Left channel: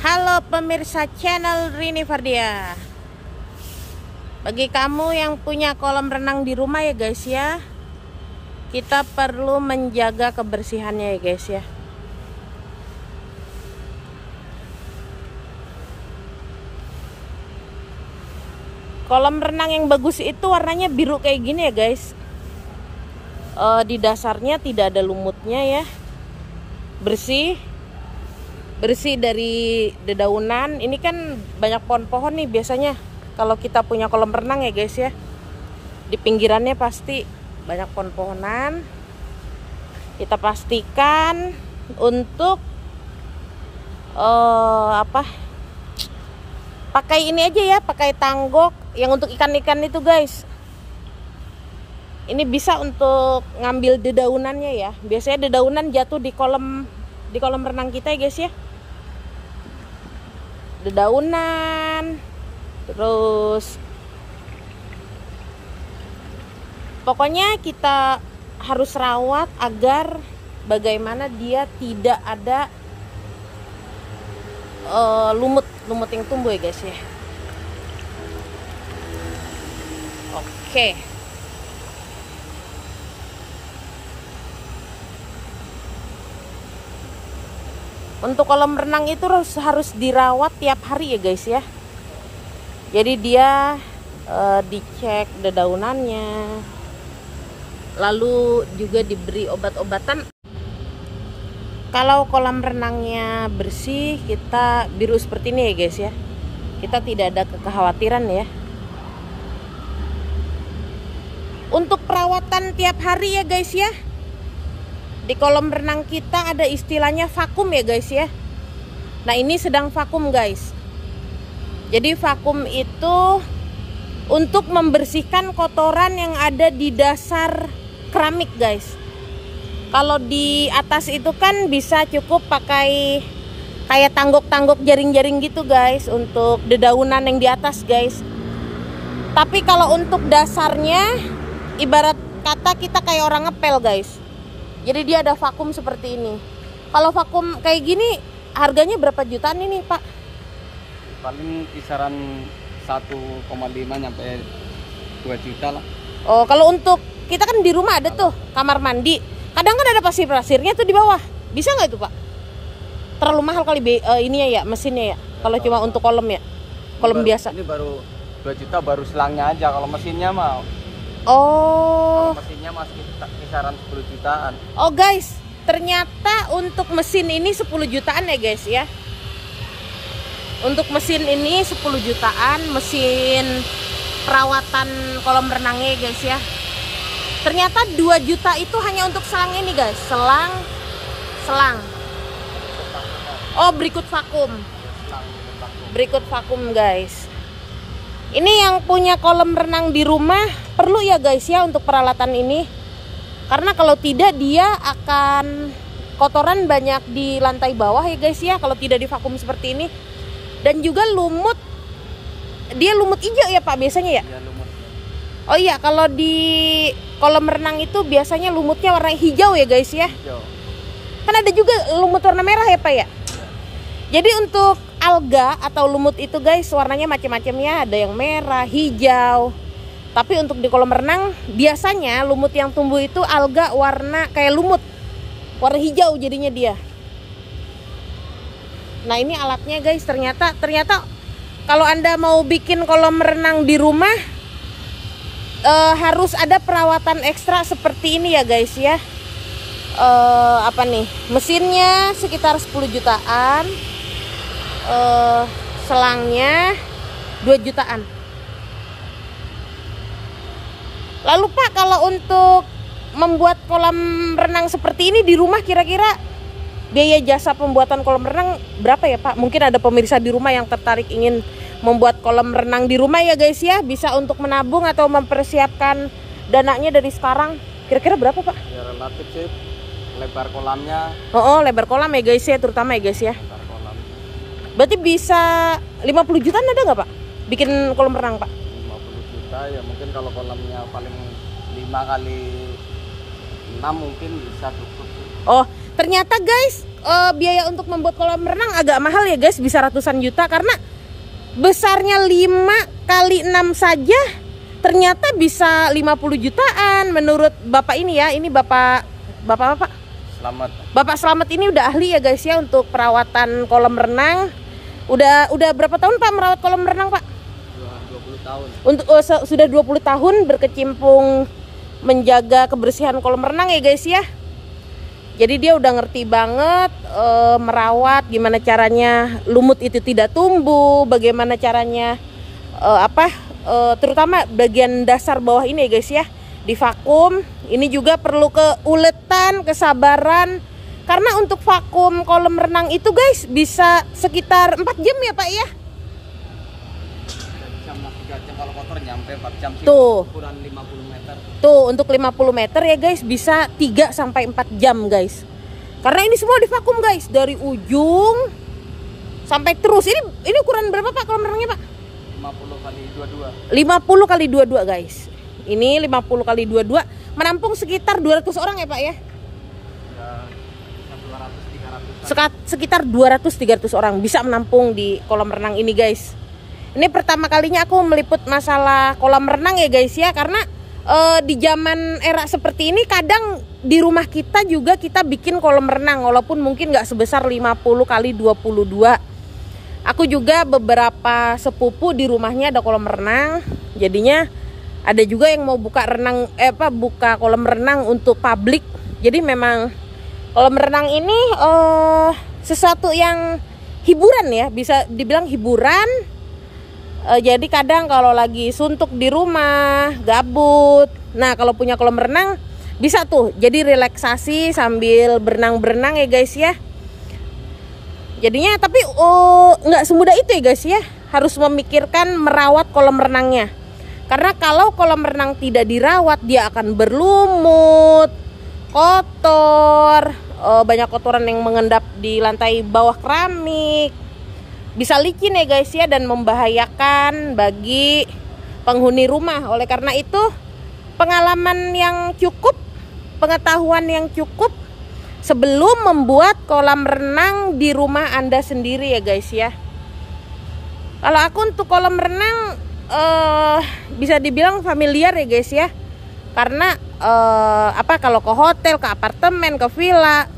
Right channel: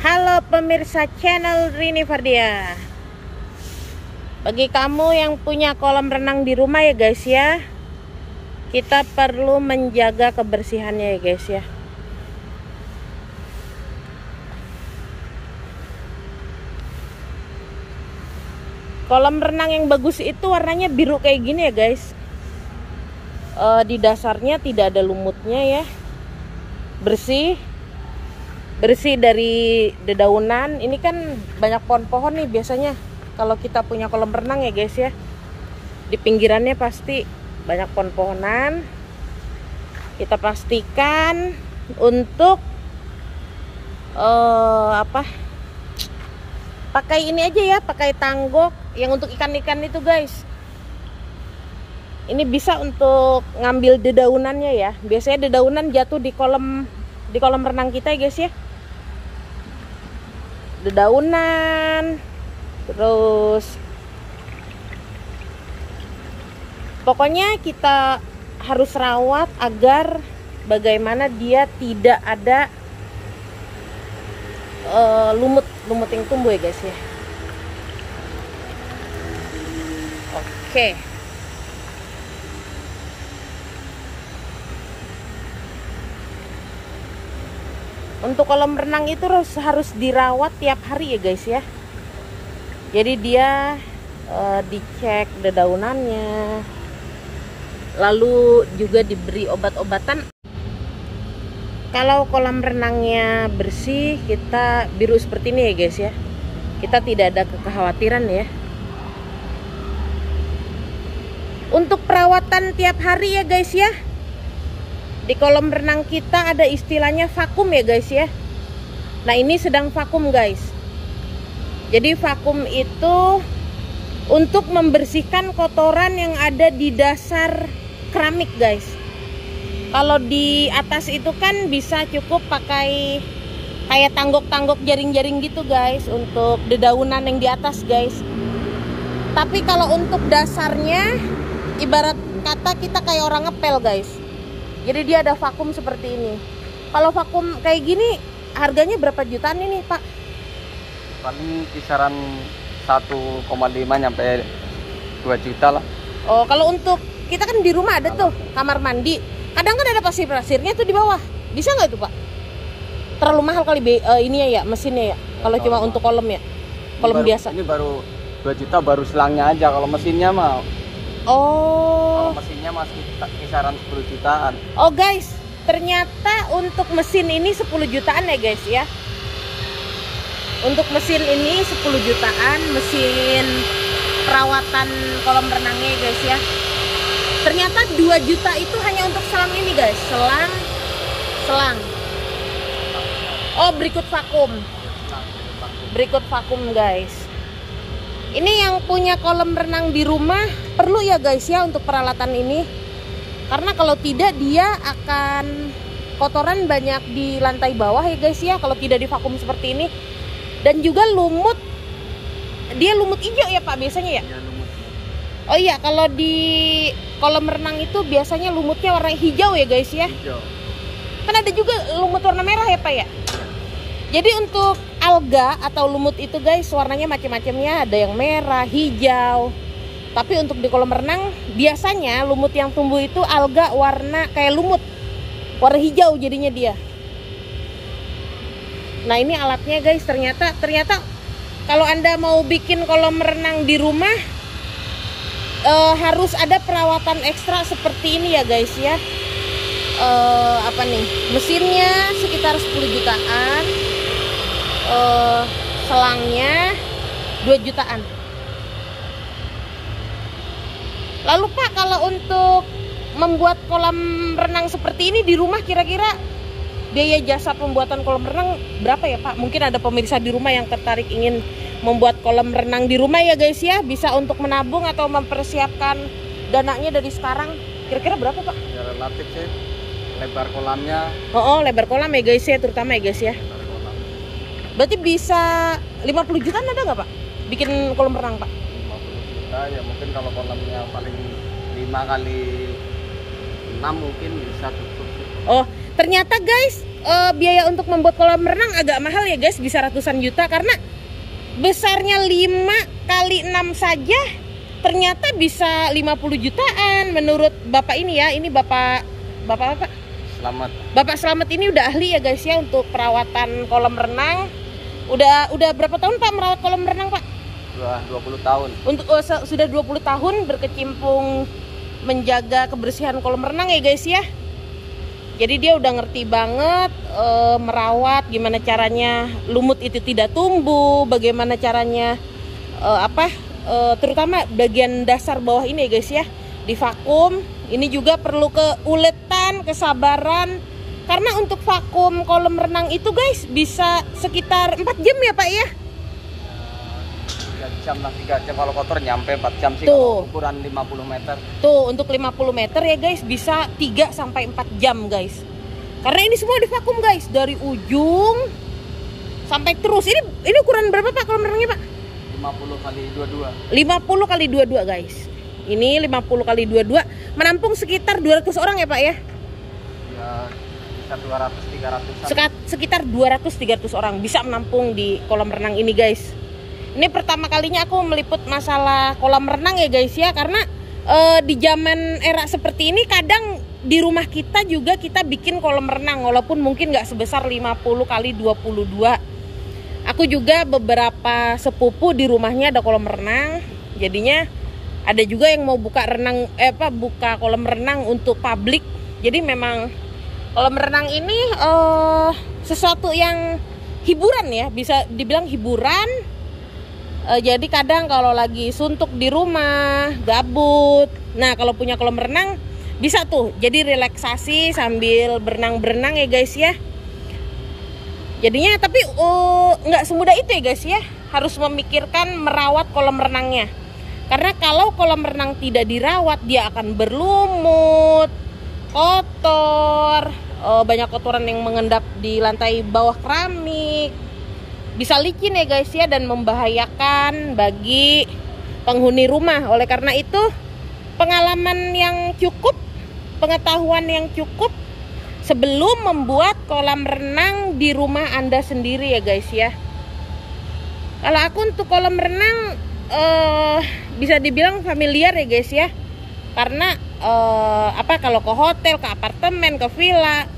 Halo pemirsa channel Rini Fardia. Bagi kamu yang punya kolam renang di rumah ya guys ya, kita perlu menjaga kebersihannya ya guys ya. Kolam renang yang bagus itu warnanya biru kayak gini ya guys. Di dasarnya tidak ada lumutnya ya, bersih dari dedaunan. Ini kan banyak pohon-pohon nih biasanya kalau kita punya kolam renang ya guys ya. Di pinggirannya pasti banyak pohon-pohonan. Kita pastikan untuk pakai ini aja ya, pakai tanggok yang untuk ikan-ikan itu guys. Ini bisa untuk ngambil dedaunannya ya. Biasanya dedaunan jatuh di kolam renang kita ya guys ya. Dedaunan, terus pokoknya kita harus rawat agar bagaimana dia tidak ada lumut yang tumbuh ya guys ya. Oke. Untuk kolam renang itu harus dirawat tiap hari ya guys ya. Jadi dia dicek dedaunannya, lalu juga diberi obat-obatan. Kalau kolam renangnya bersih, kita biru seperti ini ya guys ya, kita tidak ada kekhawatiran ya. Untuk perawatan tiap hari ya guys ya, di kolam renang kita ada istilahnya vakum ya guys ya. Nah ini sedang vakum guys. Jadi vakum itu untuk membersihkan kotoran yang ada di dasar keramik guys. Kalau di atas itu kan bisa cukup pakai kayak tanggok-tanggok jaring-jaring gitu guys, untuk dedaunan yang di atas guys. Tapi kalau untuk dasarnya ibarat kata kita kayak orang ngepel guys. Jadi dia ada vakum seperti ini. Kalau vakum kayak gini harganya berapa jutaan ini Pak? Paling kisaran 1,5 sampai 2 juta lah. Oh, kalau untuk kita kan di rumah ada tuh kamar mandi. Kadang kan ada pasir-pasirnya tuh di bawah. Bisa nggak itu Pak? Terlalu mahal kali ini ya mesinnya ya. Kalau cuma untuk kolam ya. Kolam biasa. Ini baru 2 juta baru selangnya aja. Kalau mesinnya mah. Oh. Mesinnya masih kisaran 10 jutaan. Oh guys, ternyata untuk mesin ini 10 jutaan ya guys ya. Untuk mesin ini 10 jutaan, mesin perawatan kolam renangnya ya guys ya. Ternyata 2 juta itu hanya untuk selang ini guys, selang. Oh, berikut vakum. Berikut vakum guys. Ini yang punya kolam renang di rumah perlu ya guys ya untuk peralatan ini. Karena kalau tidak dia akan kotoran banyak di lantai bawah ya guys ya, kalau tidak divakum seperti ini. Dan juga lumut, dia lumut hijau ya Pak biasanya ya? Iya, lumut. Oh iya, kalau di kolam renang itu biasanya lumutnya warna hijau ya guys ya? Hijau. Kan ada juga lumut warna merah ya Pak ya? Jadi untuk alga atau lumut itu guys warnanya macam-macamnya, ada yang merah, hijau. Tapi untuk di kolam renang biasanya lumut yang tumbuh itu alga warna kayak lumut, warna hijau jadinya dia. Nah ini alatnya guys, ternyata kalau Anda mau bikin kolam renang di rumah harus ada perawatan ekstra seperti ini ya guys ya. Apa nih, mesinnya sekitar 10 jutaan, selangnya 2 jutaan. Lalu Pak, kalau untuk membuat kolam renang seperti ini di rumah kira-kira biaya jasa pembuatan kolam renang berapa ya Pak? Mungkin ada pemirsa di rumah yang tertarik ingin membuat kolam renang di rumah ya guys ya. Bisa untuk menabung atau mempersiapkan dananya dari sekarang. Kira-kira berapa Pak? Ya relatif sih, lebar kolamnya. Oh, lebar kolam ya guys ya, terutama ya guys ya. Berarti bisa 50 jutaan ada nggak Pak? Bikin kolam renang Pak? 50 juta ya mungkin, kalau kolamnya paling 5 kali 6 mungkin bisa cukup sih. Oh, ternyata guys, biaya untuk membuat kolam renang agak mahal ya guys, bisa ratusan juta, karena besarnya 5 kali 6 saja ternyata bisa 50 jutaan menurut Bapak ini ya. Ini Bapak Selamat. Bapak Selamat ini udah ahli ya guys ya untuk perawatan kolam renang. Udah berapa tahun Pak merawat kolam renang Pak? Sudah 20 tahun. Untuk sudah 20 tahun berkecimpung menjaga kebersihan kolam renang ya guys ya. Jadi dia udah ngerti banget merawat, gimana caranya lumut itu tidak tumbuh, bagaimana caranya terutama bagian dasar bawah ini ya guys ya, divakum. Ini juga perlu keuletan, kesabaran, karena untuk vakum kolam renang itu guys bisa sekitar 4 jam ya Pak ya. 3 jam lah, 3 jam kalau kotor nyampe 4 jam sih. Tuh. Ukuran 50 meter. Tuh untuk 50 meter ya guys bisa 3 sampai 4 jam guys. Karena ini semua divakum guys dari ujung sampai terus. Ini ukuran berapa Pak kolam renangnya Pak? 50 kali 22. 50 kali 22 guys. Ini 50 kali 22 menampung sekitar 200 orang ya Pak ya? Ya, bisa 200-300. Sekitar 200-300 orang bisa menampung di kolam renang ini guys. Ini pertama kalinya aku meliput masalah kolam renang ya guys ya, karena di zaman era seperti ini kadang di rumah kita juga kita bikin kolam renang, walaupun mungkin nggak sebesar 50 kali 22. Aku juga beberapa sepupu di rumahnya ada kolam renang, jadinya ada juga yang mau buka buka kolam renang untuk publik. Jadi memang kolam renang ini sesuatu yang hiburan ya, bisa dibilang hiburan. Jadi kadang kalau lagi suntuk di rumah, gabut, nah kalau punya kolam renang bisa tuh jadi relaksasi sambil berenang-berenang ya guys ya. Jadinya tapi nggak semudah itu ya guys ya, harus memikirkan merawat kolam renangnya. Karena kalau kolam renang tidak dirawat, dia akan berlumut, kotor, banyak kotoran yang mengendap di lantai bawah keramik. Bisa licin ya guys ya, dan membahayakan bagi penghuni rumah. Oleh karena itu, pengalaman yang cukup, pengetahuan yang cukup sebelum membuat kolam renang di rumah Anda sendiri ya guys ya. Kalau aku untuk kolam renang bisa dibilang familiar ya guys ya, karena kalau ke hotel, ke apartemen, ke villa,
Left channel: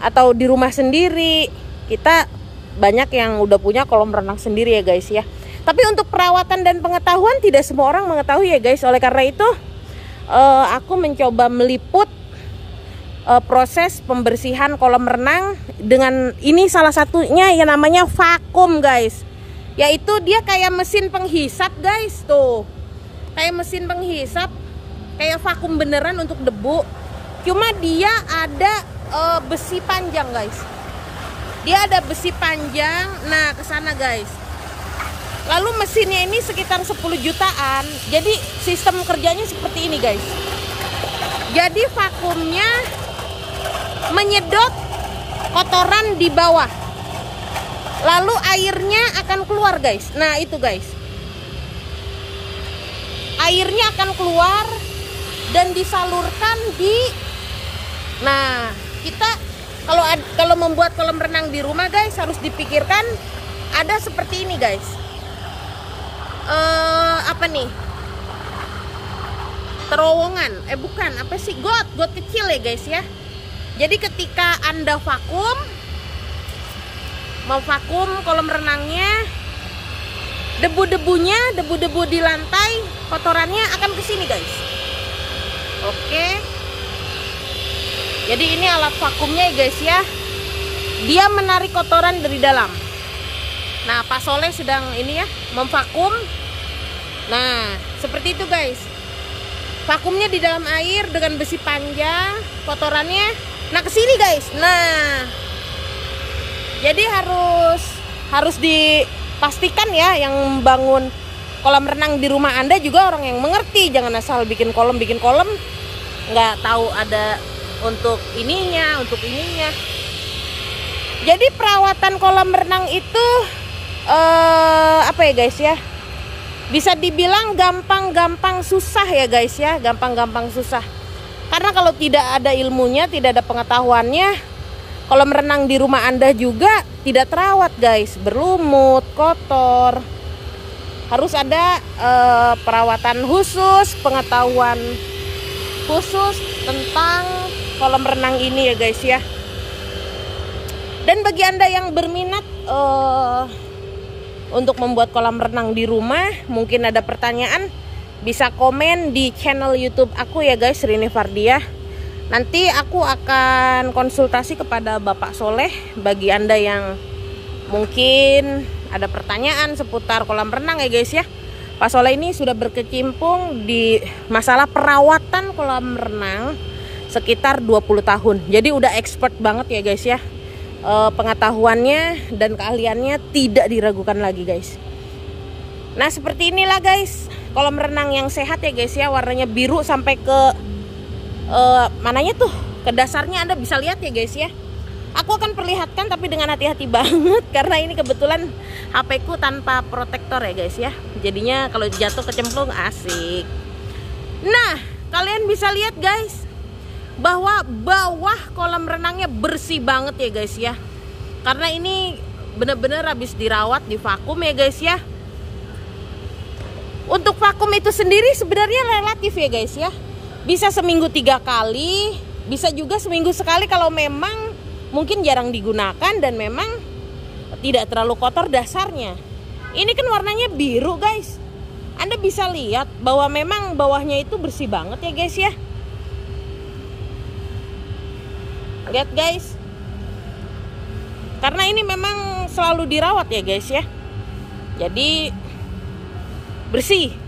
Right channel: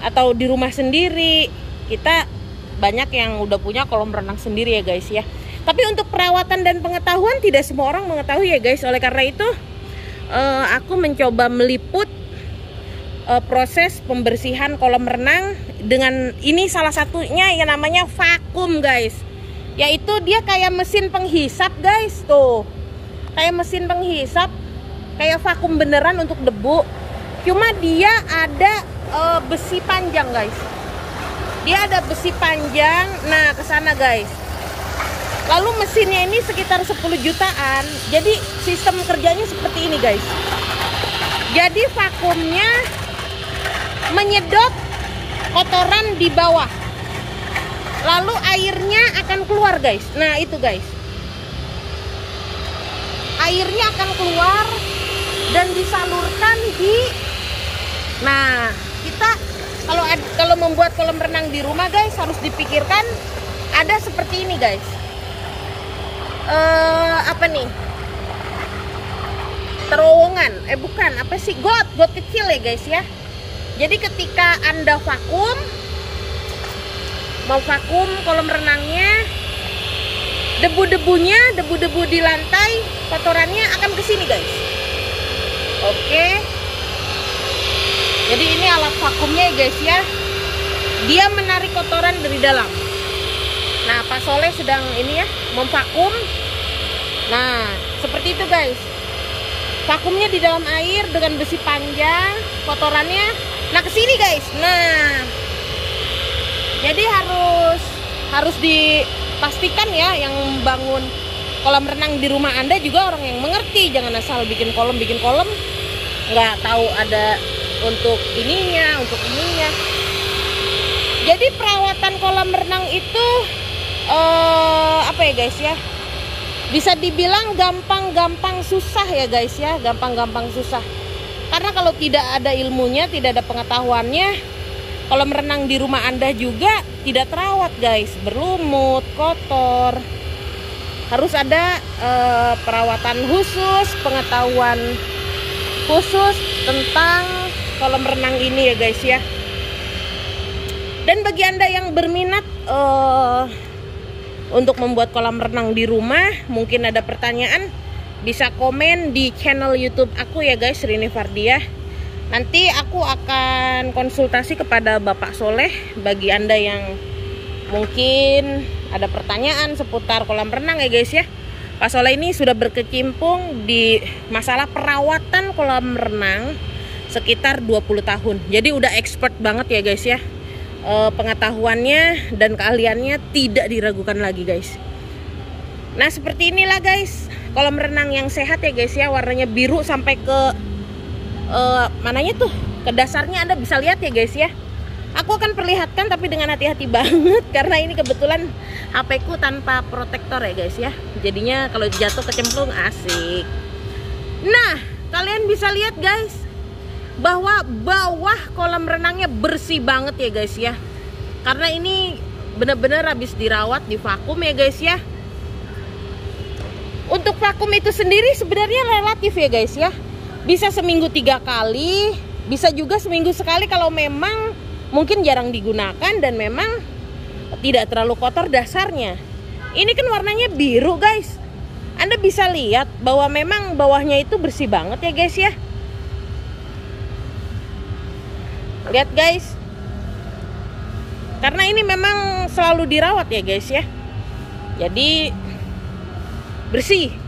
atau di rumah sendiri kita banyak yang udah punya kolam renang sendiri ya guys ya. Tapi untuk perawatan dan pengetahuan tidak semua orang mengetahui ya guys. Oleh karena itu aku mencoba meliput proses pembersihan kolam renang dengan ini, salah satunya yang namanya vakum guys. Yaitu dia kayak mesin penghisap guys, tuh kayak mesin penghisap, kayak vakum beneran untuk debu. Cuma dia ada besi panjang guys, dia ada besi panjang. Nah kesana guys, lalu mesinnya ini sekitar 10 jutaan. Jadi sistem kerjanya seperti ini guys. Jadi vakumnya menyedot kotoran di bawah, lalu airnya akan keluar guys. Nah itu guys, airnya akan keluar dan disalurkan di. Nah kita kalau membuat kolam renang di rumah guys, harus dipikirkan ada seperti ini guys. Terowongan, bukan apa sih, got kecil ya guys ya. Jadi ketika Anda mau vakum kolam renangnya, debu-debu di lantai, kotorannya akan ke sini guys. Oke. Jadi ini alat vakumnya ya guys ya. Dia menarik kotoran dari dalam. Nah, Pak Soleh sedang ini ya, memvakum. Nah, seperti itu guys. Vakumnya di dalam air dengan besi panjang, kotorannya nah ke sini guys. Nah, jadi harus dipastikan ya, yang membangun kolam renang di rumah Anda juga orang yang mengerti. Jangan asal bikin kolam, nggak tahu ada untuk ininya. Jadi perawatan kolam renang itu ya guys ya, bisa dibilang gampang susah ya guys ya, gampang susah. Karena kalau tidak ada ilmunya, tidak ada pengetahuannya, kolam renang di rumah Anda juga tidak terawat guys, berlumut, kotor. Harus ada perawatan khusus, pengetahuan khusus tentang kolam renang ini ya guys ya. Dan bagi Anda yang berminat untuk membuat kolam renang di rumah, mungkin ada pertanyaan, bisa komen di channel YouTube aku ya guys, Rini Fardiah. Nanti aku akan konsultasi kepada Bapak Soleh bagi Anda yang mungkin ada pertanyaan seputar kolam renang ya guys ya. Pak Soleh ini sudah berkecimpung di masalah perawatan kolam renang sekitar 20 tahun. Jadi udah expert banget ya guys ya. Pengetahuannya dan keahliannya tidak diragukan lagi guys. Nah seperti inilah guys kolam renang yang sehat ya guys ya. Warnanya biru sampai ke mananya tuh, ke dasarnya Anda bisa lihat ya guys ya. Aku akan perlihatkan tapi dengan hati-hati banget karena ini kebetulan HP ku tanpa protektor ya guys ya. Jadinya kalau jatuh kecemplung asik. Nah kalian bisa lihat guys bahwa bawah kolam renangnya bersih banget ya guys ya. Karena ini bener-bener habis dirawat, di vakum ya guys ya. Untuk vakum itu sendiri sebenarnya relatif ya guys ya. Bisa seminggu 3 kali, bisa juga seminggu sekali kalau memang mungkin jarang digunakan dan memang tidak terlalu kotor dasarnya. Ini kan warnanya biru guys. Anda bisa lihat bahwa memang bawahnya itu bersih banget ya guys ya. Lihat guys. Karena ini memang selalu dirawat ya guys ya. Jadi bersih.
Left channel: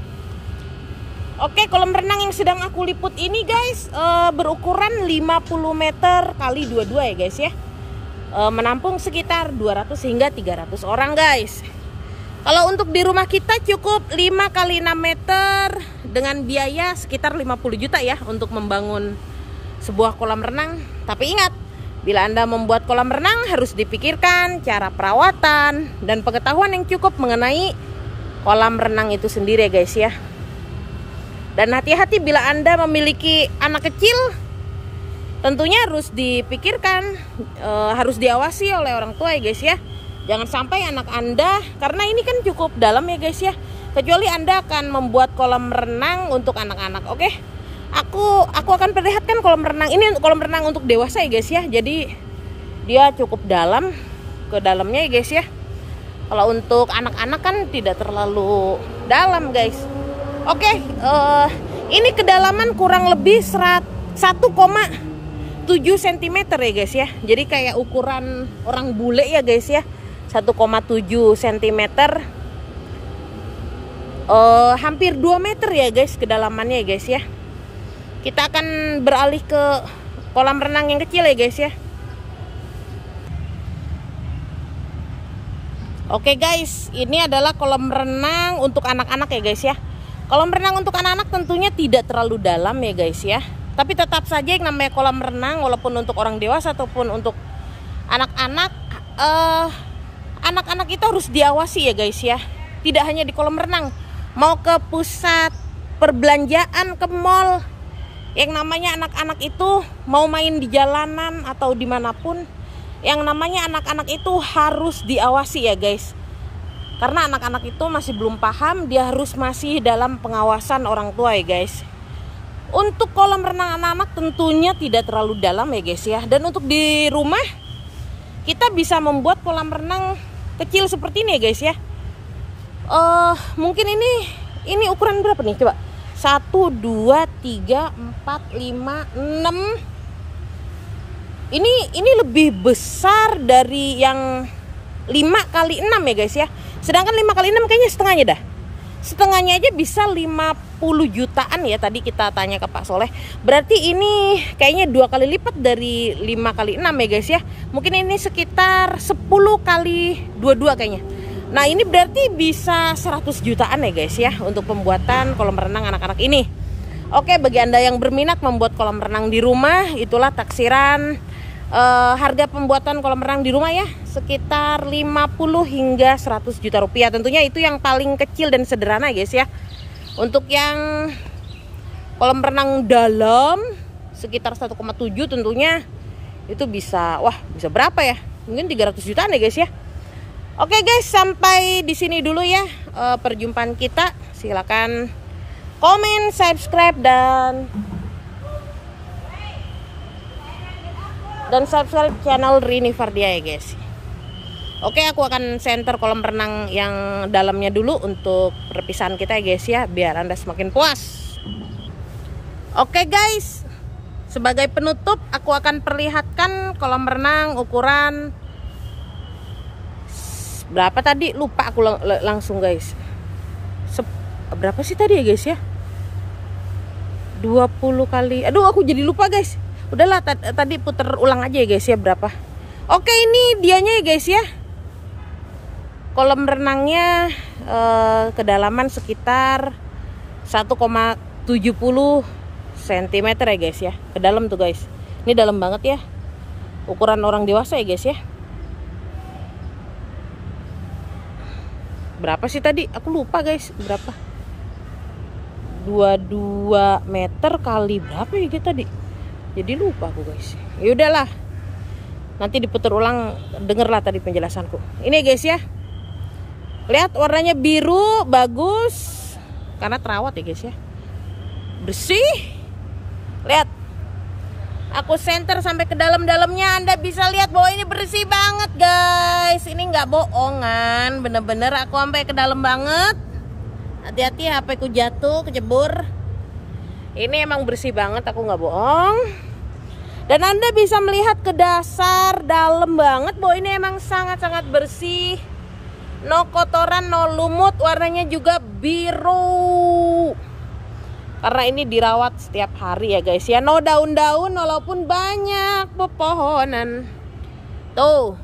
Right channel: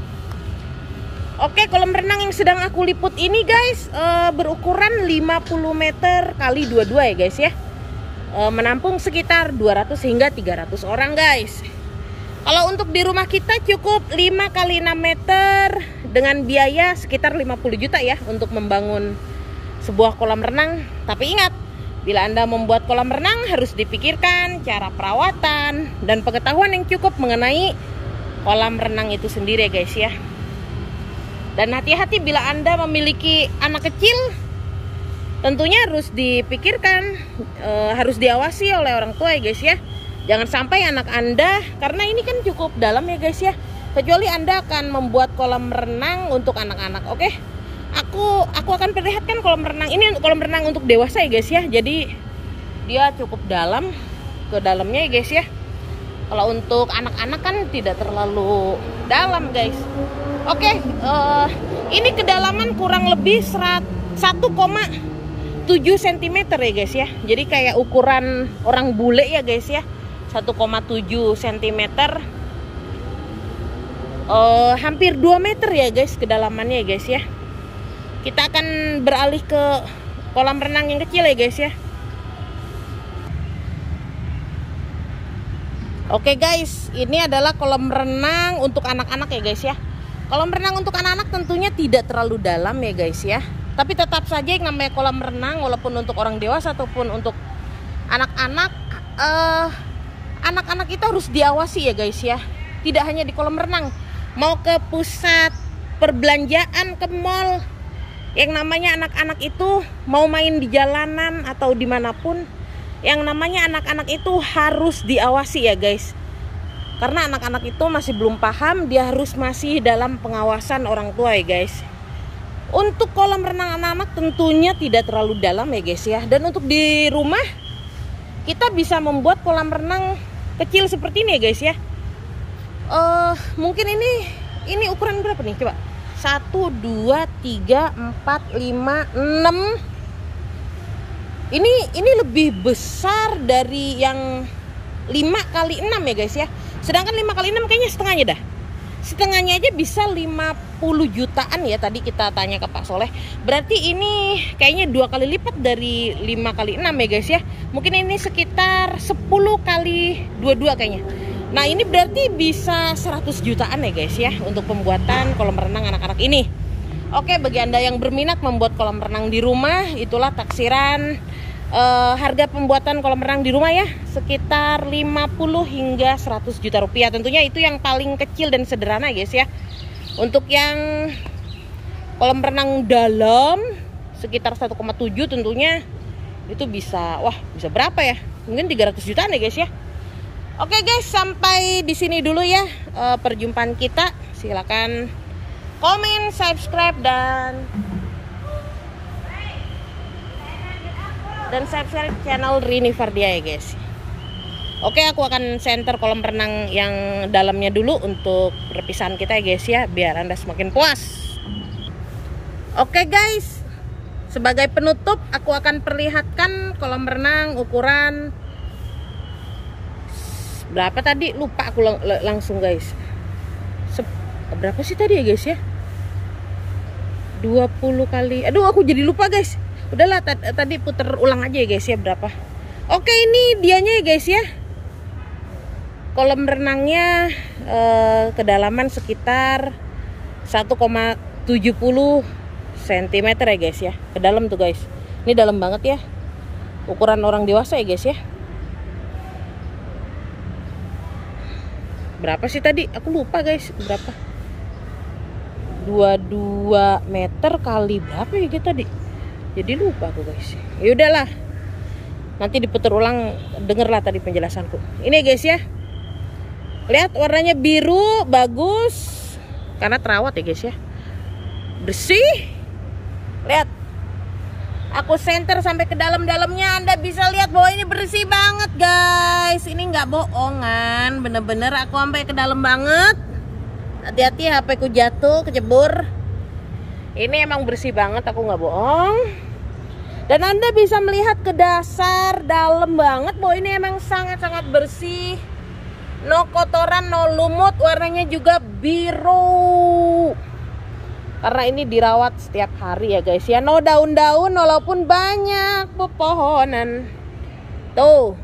Oke, kolam renang yang sedang aku liput ini guys berukuran 50 meter kali 22 ya guys ya. Menampung sekitar 200 hingga 300 orang guys. Kalau untuk di rumah kita cukup 5 kali 6 meter dengan biaya sekitar 50 juta ya untuk membangun sebuah kolam renang. Tapi ingat, bila Anda membuat kolam renang harus dipikirkan cara perawatan dan pengetahuan yang cukup mengenai kolam renang itu sendiri ya guys ya. Dan hati-hati bila Anda memiliki anak kecil, tentunya harus dipikirkan, harus diawasi oleh orang tua ya guys ya. Jangan sampai anak Anda, karena ini kan cukup dalam ya guys ya. Kecuali Anda akan membuat kolam renang untuk anak-anak, oke? Aku akan perlihatkan kolam renang ini, kolam renang untuk dewasa ya guys ya. Jadi dia cukup dalam, ke dalamnya ya guys ya. Kalau untuk anak-anak kan tidak terlalu dalam guys. Oke, ini kedalaman kurang lebih 1,7 cm ya guys ya. Jadi kayak ukuran orang bule ya guys ya. 1,7 cm. Hampir 2 meter ya guys kedalamannya ya guys ya. Kita akan beralih ke kolam renang yang kecil ya guys ya. Oke guys, ini adalah kolam renang untuk anak-anak ya guys ya. Kolam renang untuk anak-anak tentunya tidak terlalu dalam ya guys ya. Tapi tetap saja yang namanya kolam renang, walaupun untuk orang dewasa ataupun untuk anak-anak, anak-anak itu harus diawasi ya guys ya. Tidak hanya di kolam renang, mau ke pusat perbelanjaan, ke mall, yang namanya anak-anak itu mau main di jalanan atau dimanapun, yang namanya anak-anak itu harus diawasi ya guys. Karena anak-anak itu masih belum paham, dia harus masih dalam pengawasan orang tua ya guys. Untuk kolam renang anak-anak tentunya tidak terlalu dalam ya guys ya. Dan untuk di rumah kita bisa membuat kolam renang kecil seperti ini ya guys ya. Mungkin ini ukuran berapa nih coba? 1, 2, 3, 4, 5, 6. Ini lebih besar dari yang 5 kali 6 ya guys ya. Sedangkan 5 kali 6 kayaknya setengahnya dah. Setengahnya aja bisa 50 jutaan ya, tadi kita tanya ke Pak Soleh. Berarti ini kayaknya 2 kali lipat dari 5 kali 6 ya guys ya. Mungkin ini sekitar 10 kali 22 kayaknya. Nah ini berarti bisa 100 jutaan ya guys ya untuk pembuatan kolam renang anak-anak ini. Oke, bagi Anda yang berminat membuat kolam renang di rumah, itulah taksiran harga pembuatan kolam renang di rumah ya, sekitar 50 hingga 100 juta rupiah. Tentunya itu yang paling kecil dan sederhana guys ya. Untuk yang kolam renang dalam sekitar 1,7 tentunya Itu bisa, wah bisa berapa ya? Mungkin 300 jutaan ya guys ya. Oke guys, sampai di sini dulu ya perjumpaan kita. Silakan komen, subscribe dan subscribe channel Rini Fardia ya guys. Oke, aku akan center kolam renang yang dalamnya dulu untuk perpisahan kita ya guys ya, biar Anda semakin puas. Oke guys, sebagai penutup aku akan perlihatkan kolam renang ukuran berapa tadi, lupa aku langsung guys. Berapa sih tadi ya guys ya? 20 kali. Aduh, aku jadi lupa guys. Udahlah, tadi puter ulang aja ya guys ya berapa. Oke, ini dianya ya guys ya. Kolam renangnya kedalaman sekitar 1,70 cm ya guys ya. Ke dalam tuh guys. Ini dalam banget ya. Ukuran orang dewasa ya guys ya. Berapa sih tadi? Aku lupa guys. Berapa? 22 meter kali berapa ya kita tadi? Jadi lupa aku guys. Ya udahlah. Nanti diputar ulang, dengerlah tadi penjelasanku. Ini guys ya. Lihat warnanya biru, bagus. Karena terawat ya guys ya. Bersih. Lihat. Aku center sampai ke dalam-dalamnya. Anda bisa lihat bahwa ini bersih banget guys. Ini nggak bohongan. Bener-bener aku sampai ke dalam banget. Hati-hati HP ku jatuh, kecebur. Ini emang bersih banget, aku nggak bohong. Dan Anda bisa melihat ke dasar, dalam banget bahwa ini emang sangat-sangat bersih. No kotoran, no lumut, warnanya juga biru. Karena ini dirawat setiap hari ya guys ya. No daun-daun walaupun banyak pepohonan. Tuh.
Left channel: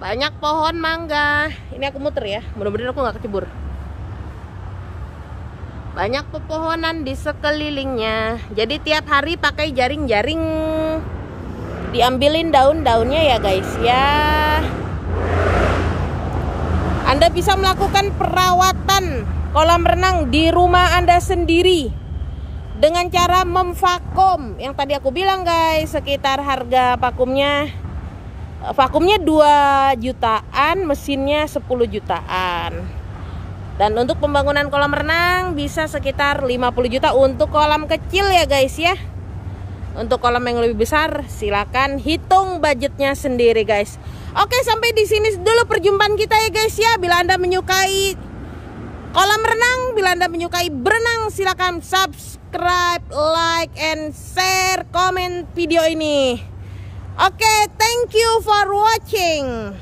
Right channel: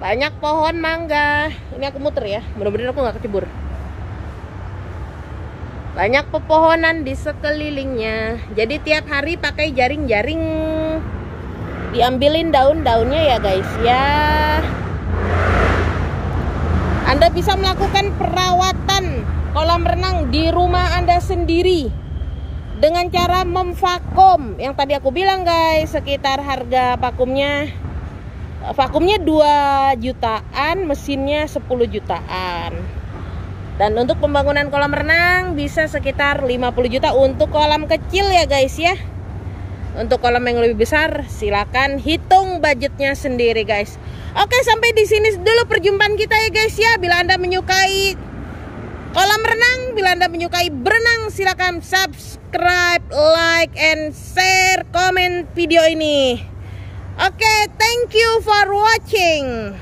Banyak pohon mangga. Ini aku muter ya. Mudah-mudahan aku nggak kecebur. Banyak pepohonan di sekelilingnya. Jadi tiap hari pakai jaring-jaring. Diambilin daun-daunnya ya guys ya. Anda bisa melakukan perawatan kolam renang di rumah Anda sendiri dengan cara memvakum. Yang tadi aku bilang guys, sekitar harga vakumnya 2 jutaan, mesinnya 10 jutaan. Dan untuk pembangunan kolam renang bisa sekitar 50 juta untuk kolam kecil ya guys ya. Untuk kolam yang lebih besar silakan hitung budgetnya sendiri guys. Oke, sampai di sini dulu perjumpaan kita ya guys ya. Bila Anda menyukai kolam renang, bila Anda menyukai berenang, silakan subscribe, like, and share, komen video ini. Oke, thank you for watching.